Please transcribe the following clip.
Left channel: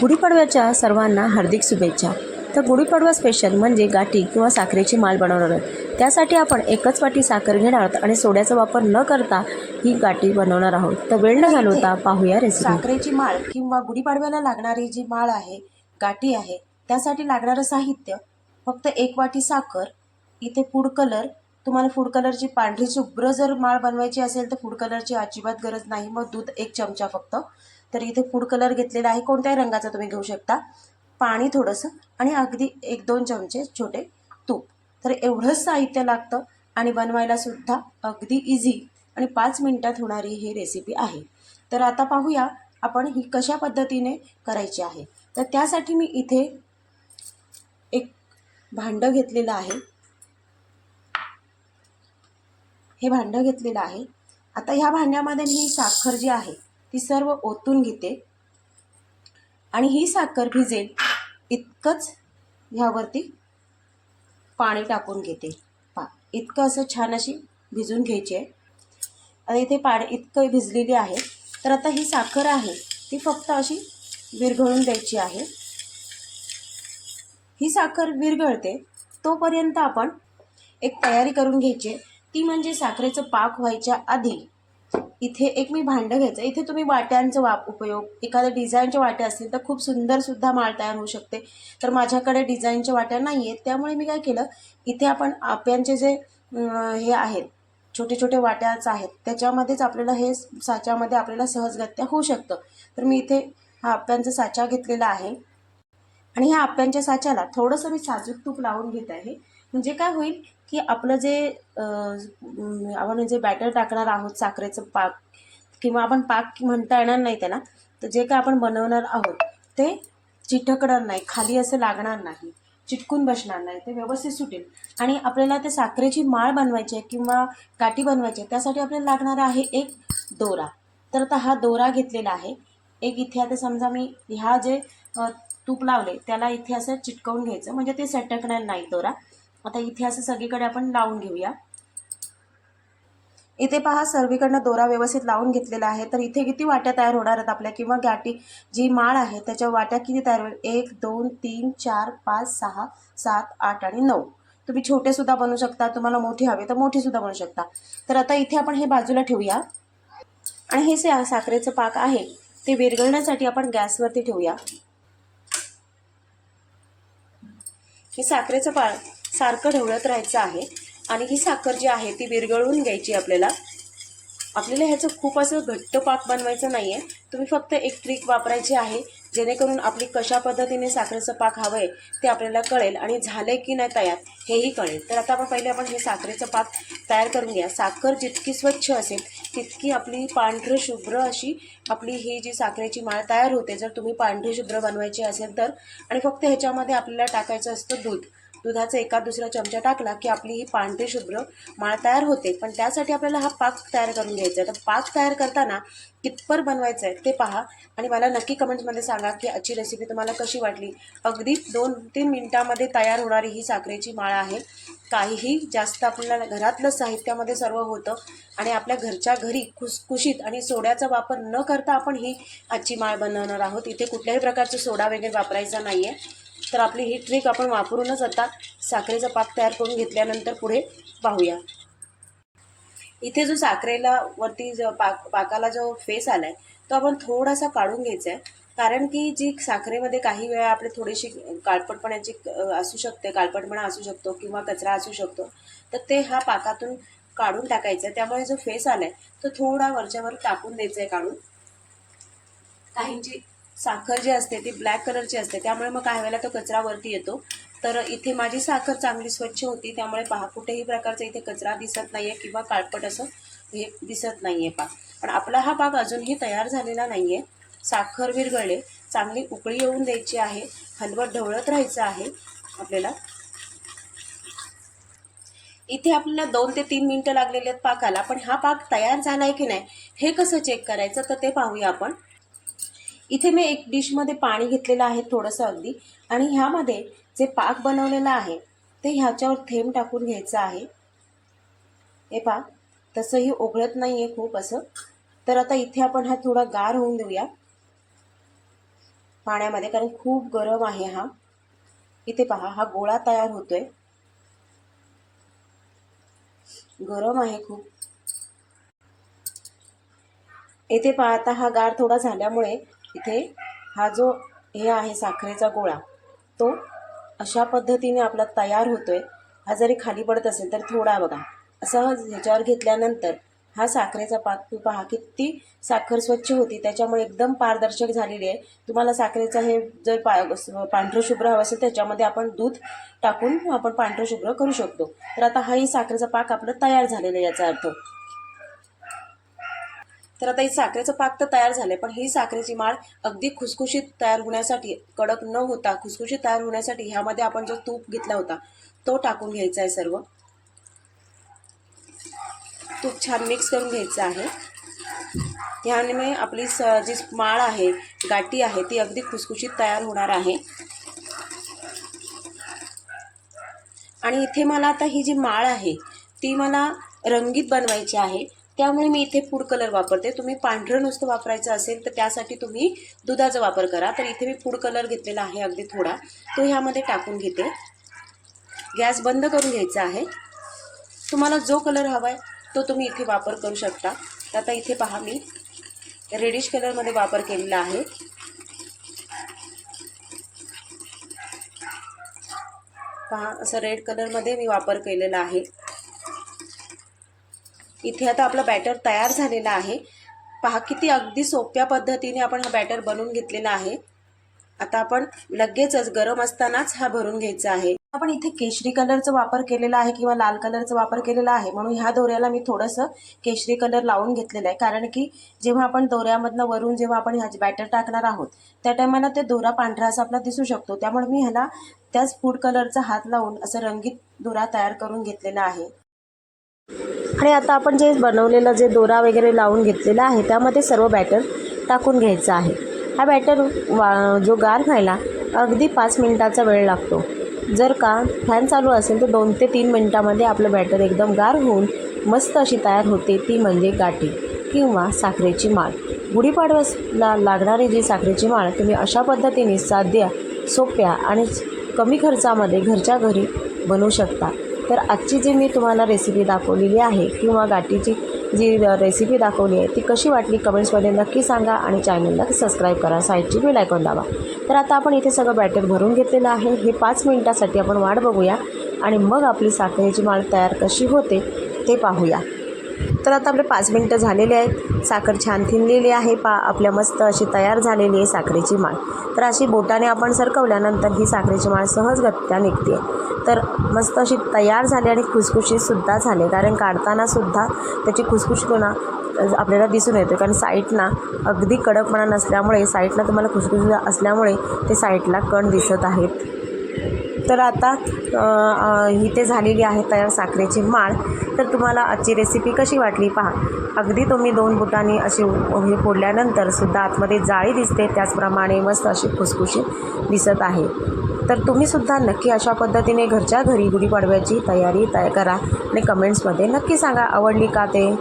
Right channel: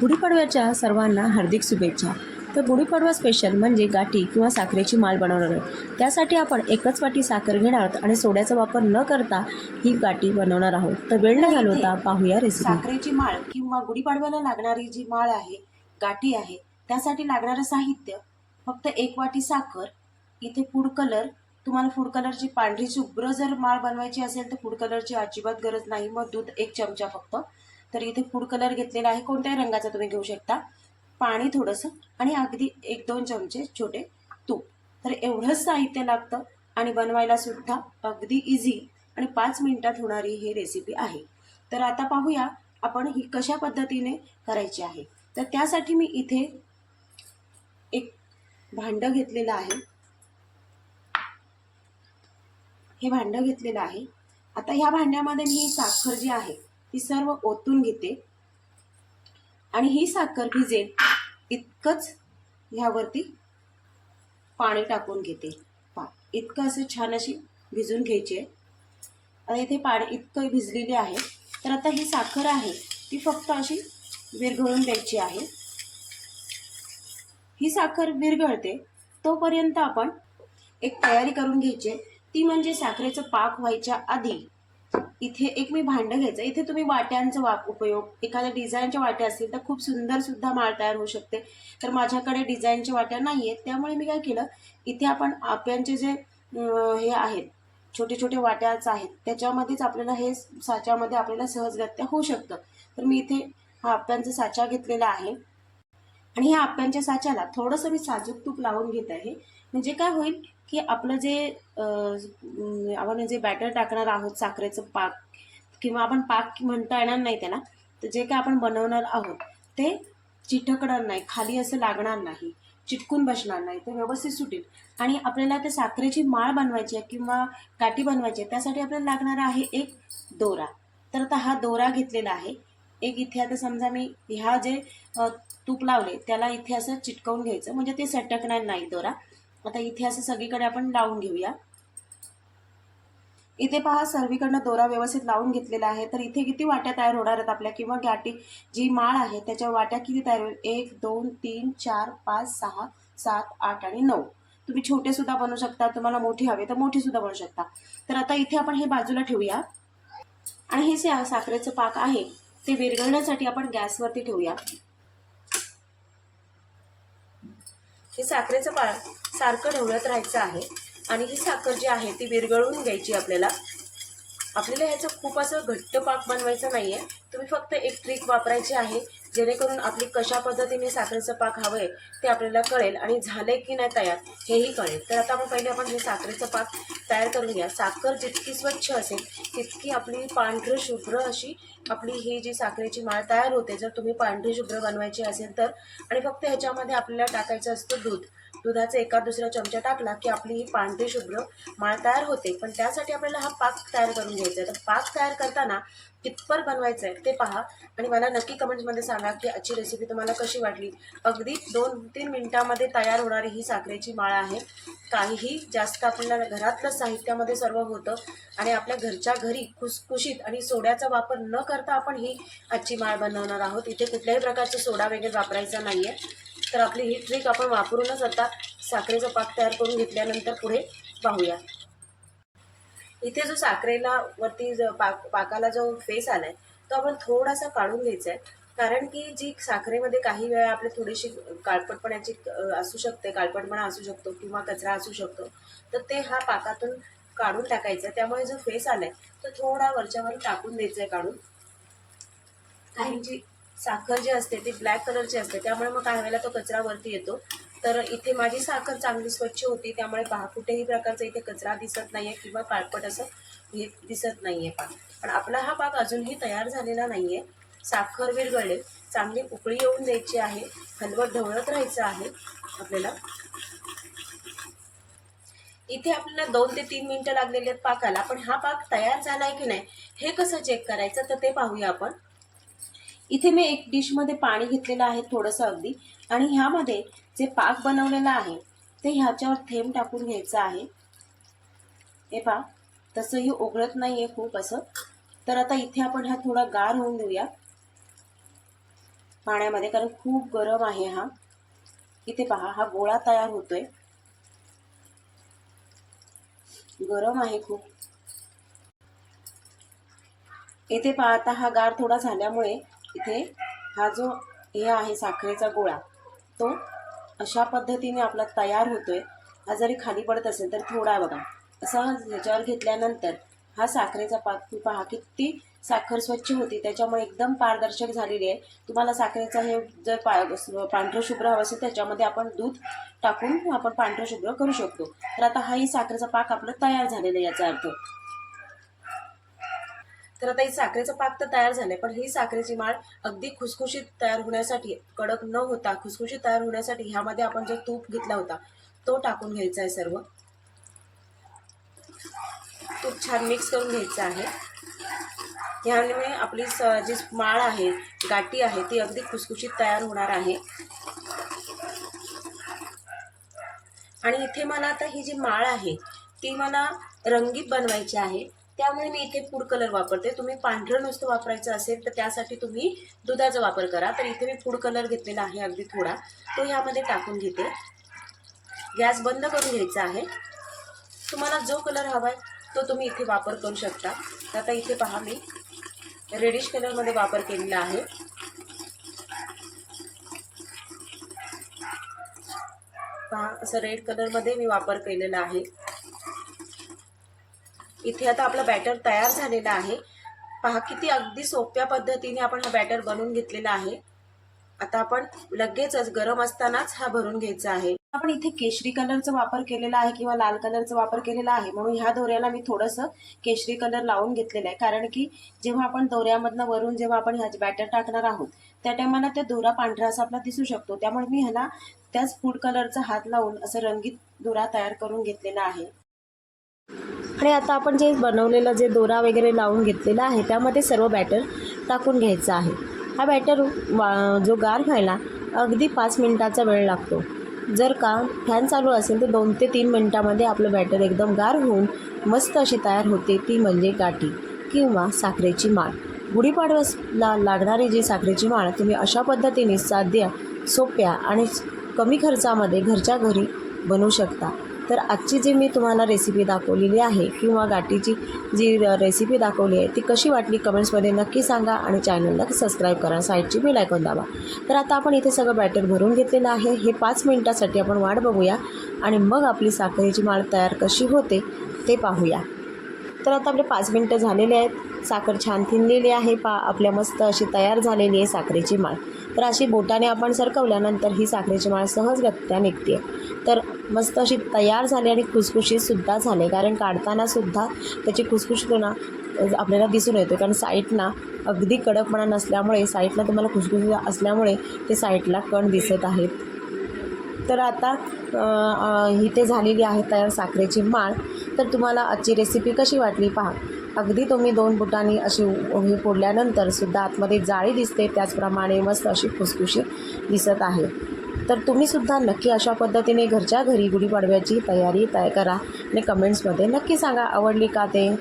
गुढीपाडव्याच्या सर्वांना हार्दिक शुभेच्छा. तर गुढीपाडवा स्पेशल म्हणजे गाठी किंवा साखरेची माल बनवणार आहोत. त्यासाठी आपण एकच वाटी साखर घेणार आहोत आणि सोड्याचा वापर न करता ही गाठी बनवणार आहोत. तर वेळ न घालवता पाहूया रेसिपी साखरेची माळ किंवा गुढीपाडव्याला लागणारी जी माळ आहे गाठी आहे त्यासाठी लागणारं साहित्य फक्त एक वाटी साखर. इथे फूड कलर तुम्हाला फूड कलरची पांढरी शुभ्र जर माळ बनवायची असेल तर फूड कलरची अजिबात गरज नाही. मग दूध एक चमचा फक्त. तर इथे फूड कलर घेतलेला आहे. कोणत्याही रंगाचा तुम्ही घेऊ शकता. पाणी थोडंसं आणि अगदी एक दोन चमचे छोटे तूप. तर एवढंच साहित्य लागतं आणि बनवायला सुद्धा अगदी इझी आणि पाच मिनटात होणारी ही रेसिपी आहे. तर आता पाहूया आपण ही कशा पद्धतीने करायची आहे. तर त्यासाठी मी इथे एक भांडं घेतलेलं आहे. हे भांडं घेतलेलं आहे. आता ह्या भांड्यामध्ये मी साखर जी आहे ती सर्व ओतून घेते. आणि ही साखर भिजेल इतकंच ह्यावरती पाणी टाकून घेते. पा इतकं असं छान अशी भिजून घ्यायची आहे. आता इथे पाणी इतकं भिजलेली आहे. तर आता ही साखर आहे ती फक्त अशी विरघळून द्यायची आहे. ही साखर विरघळते तोपर्यंत आपण एक तयारी करून घ्यायची आहे. ती म्हणजे साखरेचं पाक व्हायच्या आधी इथे एक मी भांडं घ्यायचं. इथे तुम्ही वाट्यांचा वाप उपयोग एखाद्या डिझाईनच्या वाट्या असतील तर खूप सुंदरसुद्धा माळ तयार होऊ शकते. तर माझ्याकडे डिझाईनच्या वाट्या नाही आहेत. त्यामुळे मी काय केलं इथे आपण आप्यांचे जे हे आहेत छोटे छोटे वाट्याच आहेत त्याच्यामध्येच आपल्याला हे साच्यामध्ये आपल्याला सहजगत्या होऊ शकतं. तर मी इथे हा आप्यांचा साचा घेतलेला आहे. आणि ह्या आप्यांच्या साच्याला थोडंसं मी साजूक तूप लावून घेत आहे. म्हणजे काय होईल की आपलं जे आपण जे बॅटर टाकणार आहोत साखरेचं पाक किंवा आपण पाक म्हणता येणार नाही त्याला तर जे काय आपण बनवणार आहोत ते चिटकणार नाही खाली असं लागणार नाही चिटकून बसणार नाही ते व्यवस्थित सुटेल. आणि आपल्याला ते साखरेची माळ बनवायची आहे किंवा काठी बनवायची आहे त्यासाठी आपल्याला लागणार आहे एक दोरा. तर आता हा दोरा घेतलेला आहे. एक इथे आता समजा मी ह्या जे तूप लावले त्याला इथे असं चिटकवून घ्यायचं म्हणजे ते सटकणार नाही दोरा. आता इथे असं सगळीकडे आपण लावून घेऊया. इथे पहा सर्वीकडनं दोरा व्यवस्थित लावून घेतलेला आहे. तर इथे किती वाट्या तयार होणार आहेत आपल्या? किंवा गाठी जी माळ आहे त्याच्या वाट्या किती तयार होईल? एक दोन तीन चार पाच सहा सात आठ आणि नऊ. तुम्ही छोटे सुद्धा बनवू शकता. तुम्हाला मोठी हवे तर मोठी सुद्धा बनवू शकता. तर आता इथे आपण हे बाजूला ठेवूया. आणि हे जे साखरेचं पाक आहे ते विरघळण्यासाठी आपण गॅसवरती ठेवूया. हे साखरेचं पाक सारखं ढवळत राहायचं आहे. आणि ही साखर जी आहे ती विरघळून घ्यायची आपल्याला. आपल्याला ह्याचं खूप असं घट्ट पाक बनवायचं नाही आहे तुम्ही फक्त एक ट्रिक वापरायची आहे जेणेकरून आपली कशा पद्धतीने साखरेचं पाक हवं आहे ते आपल्याला कळेल आणि झालं की नाही तयार हेही कळेल. तर आता आपण पहिले आपण हे साखरेचं पाक तयार करून घ्या. साखर जितकी स्वच्छ असेल तितकी आपली पांढरं शुभ्र अशी आपली ही जी साखरेची माळ तयार होते जर तुम्ही पांढरी शुभ्र बनवायची असेल तर. आणि फक्त ह्याच्यामध्ये आपल्याला टाकायचं असतं दूध. दुधाचा एका दुसरा चमचा टाकला की आपली ही पांढरी शुभ्र माळ तयार होते. पण त्यासाठी आपल्याला हा पाक तयार करून घ्यायचा आहे. तर पाक तयार करताना कितपर बनवायचं आहे ते पहा आणि मला नक्की कमेंट्समध्ये सांगा की आजची रेसिपी तुम्हाला कशी वाटली. अगदी दोन तीन मिनटामध्ये तयार होणारी ही साखरेची माळ आहे. काहीही जास्त आपल्याला घरातलं साहित्यामध्ये सर्व होतं आणि आपल्या घरच्या घरी खुसखुशीत आणि सोड्याचा वापर न करता आपण ही आजची माळ बनवणार आहोत. इथे कुठल्याही प्रकारचे सोडा वगैरे वापरायचा नाही आहे तर आपली ही ट्रिक आपण वापरूनच आता साखरेचा पाक तयार करून घेतल्यानंतर पुढे पाहूया. इथे जो साखरेला वरती जो पाक पाकाला जो फेस आला आहे तो आपण थोडासा काढून घ्यायचा आहे कारण की जी साखरेमध्ये काही वेळा आपली थोडीशी काळपटपणाची असू शकते काळपटपणा असू शकतो किंवा कचरा असू शकतो तर ते हा पाकातून काढून टाकायचं आहे त्यामुळे जो फेस आला आहे तो थोडा वरच्यावर टाकून द्यायचा आहे काढून. काहींची साखर जी असते ती ब्लॅक कलरची असते. त्यामुळे मग काही वेळेला तो कचरा वरती येतो. तर इथे माझी साखर चांगली स्वच्छ होती. त्यामुळे पहा कुठेही प्रकारचा इथे कचरा दिसत नाही आहे किंवा काळपट असं हे दिसत नाही आहे पाक पण आपला हा पाक अजूनही तयार झालेला नाही आहे साखर विरगळले चांगली उकळी येऊन द्यायची आहे. हलवत ढवळत राहायचं आहे आपल्याला. इथे आपल्याला दोन ते तीन मिनटं लागलेले आहेत पाकाला. पण हा पाक तयार झाला आहे की नाही हे कसं चेक करायचं? तर ते पाहूया आपण. इथे मी एक डिशमध्ये पाणी घेतलेलं आहे थोडंसं अगदी. आणि ह्यामध्ये जे पाक बनवलेलं आहे ते ह्याच्यावर थेंब टाकून घ्यायचं आहे. हे पा तसंही ओघळत नाही आहे खूप असं. तर आता इथे आपण हा थोडा गार होऊन देऊया. पाण्यामध्ये कारण खूप गरम आहे हा. इथे पहा हा गोळा तयार होतोय. गरम आहे खूप. येथे पाहता हा गार थोडा झाल्यामुळे इथे हा जो हे आहे साखरेचा गोळा तो अशा पद्धतीने आपला तयार होतोय. हा जरी खाली पडत असेल तर थोडा बघा. असा ह्याच्यावर घेतल्यानंतर हा साखरेचा पाक तू पहा किती साखर स्वच्छ होती. त्याच्यामुळे एकदम पारदर्शक झालेली आहे. तुम्हाला साखरेचा हे जर पा पांढरं शुभ्र हवं असेल त्याच्यामध्ये आपण दूध टाकून आपण पांढरं शुभ्र करू शकतो. तर आता हाही साखरेचा पाक आपलं तयार झालेलं आहे याचा अर्थ. तर आता ही साखरेचं पाक तर तयार झालंय पण ही साखरेची माळ अगदी खुसखुशीत तयार होण्यासाठी कडक न होता खुसखुशीत तयार होण्यासाठी ह्यामध्ये आपण जो तूप घेतला होता तो टाकून घ्यायचा आहे सर्व. तूप छान मिक्स करून घ्यायचं आहे. ह्यामुळे आपली स जी माळ आहे गाठी आहे ती अगदी खुसखुशीत तयार होणार आहे. आणि इथे मला आता ही जी माळ आहे ती मला रंगीत बनवायची आहे. त्यामुळे मी इथे फूड कलर वापरते. तुम्ही पांढरं नुसतं वापरायचं असेल तर त्यासाठी तुम्ही दुधाचा वापर करा. तर इथे मी फूड कलर घेतलेला आहे अगदी थोडा. तो ह्यामध्ये टाकून घेते. गॅस बंद करून घ्यायचा आहे. तुम्हाला जो कलर हवा आहे तो तुम्ही इथे वापर करू शकता. तर आता इथे पहा मी रेडिश कलरमध्ये वापर केलेला आहे. पहा असं रेड कलरमध्ये मी वापर केलेला आहे. इथे आता आपला बॅटर तयार झालेला आहे. पहा किती अगदी सोप्या पद्धतीने आपण हा बॅटर बनवून घेतलेला आहे. आता आपण लगेचच गरम असतानाच हा भरून घ्यायचा आहे. आपण इथे केशरी कलरचा वापर केलेला आहे किंवा लाल कलरचा वापर केलेला आहे. म्हणून ह्या दोऱ्याला मी थोडंसं केशरी कलर लावून घेतलेलं आहे. कारण की जेव्हा आपण दोऱ्यामधनं वरून जेव्हा आपण ह्या बॅटर टाकणार आहोत त्या टायमाला ते दोरा पांढरा असा आपला दिसू शकतो. त्यामुळे मी ह्याला त्याच फूड कलरचा हात लावून असं रंगीत दोरा तयार करून घेतलेला आहे. आणि आता आपण जे बनवलेलं जे दोरा वगैरे लावून घेतलेला आहे त्यामध्ये सर्व बॅटर टाकून घ्यायचं आहे. हा बॅटर वा जो गार व्हायला अगदी पाच मिनटाचा वेळ लागतो. जर का फॅन चालू असेल तर दोन ते तीन मिनटामध्ये आपलं बॅटर एकदम गार होऊन मस्त अशी तयार होते ती म्हणजे गाठी किंवा साखरेची माळ. गुढीपाडव्याला लागणारी जी साखरेची माळ तुम्ही अशा पद्धतीने साध्या सोप्या आणि कमी खर्चामध्ये घरच्या घरी बनवू शकता. तर आजची जी मी तुम्हाला रेसिपी दाखवलेली आहे किंवा गाठीची जी रेसिपी दाखवली आहे ती कशी वाटली कमेंट्समध्ये नक्की सांगा आणि चॅनलला सबस्क्राईब करा. साईडची बेल आयकॉन दाबा. तर आता आपण इथे सगळं बॅटर भरून घेतलेलं आहे. हे पाच मिनिटासाठी आपण वाट बघूया आणि मग आपली साखरेची माळ तयार कशी होते ते पाहूया. तर आता आपले पाच मिनटं झालेले आहेत. साखर छान थिनलेली आहे. पा आपल्या मस्त अशी तयार झालेली आहे साखरेची माळ. तर अशी बोटाने आपण सरकवल्यानंतर ही साखरेची माळ सहजगत्या निघते तर मस्त अशी तयार झाली आणि खुसखुशीतसुद्धा झाले. कारण काढतानासुद्धा त्याची खुसखुशीपणा आपल्याला दिसून येतो कारण साईटना अगदी कडकपणा नसल्यामुळे साईटला तुम्हाला खुसखुशी असल्यामुळे ते साईटला कण दिसत आहेत. तर आता इथे झालेली आहे तयार साखरेची माळ. तर तुम्हाला आजची रेसिपी कशी वाटली पहा. अगदी तुम्ही दोन बुटांनी अशी हे फोडल्यानंतर सुद्धा आतमध्ये जाळी दिसते त्याचप्रमाणे मस्त अशी खुसखुशी दिसत आहे. तर तुम्हीसुद्धा नक्की अशा पद्धतीने घरच्या घरी गुढीपाडव्याची तयारी तय करा आणि कमेंट्समध्ये नक्की सांगा आवडली का ते?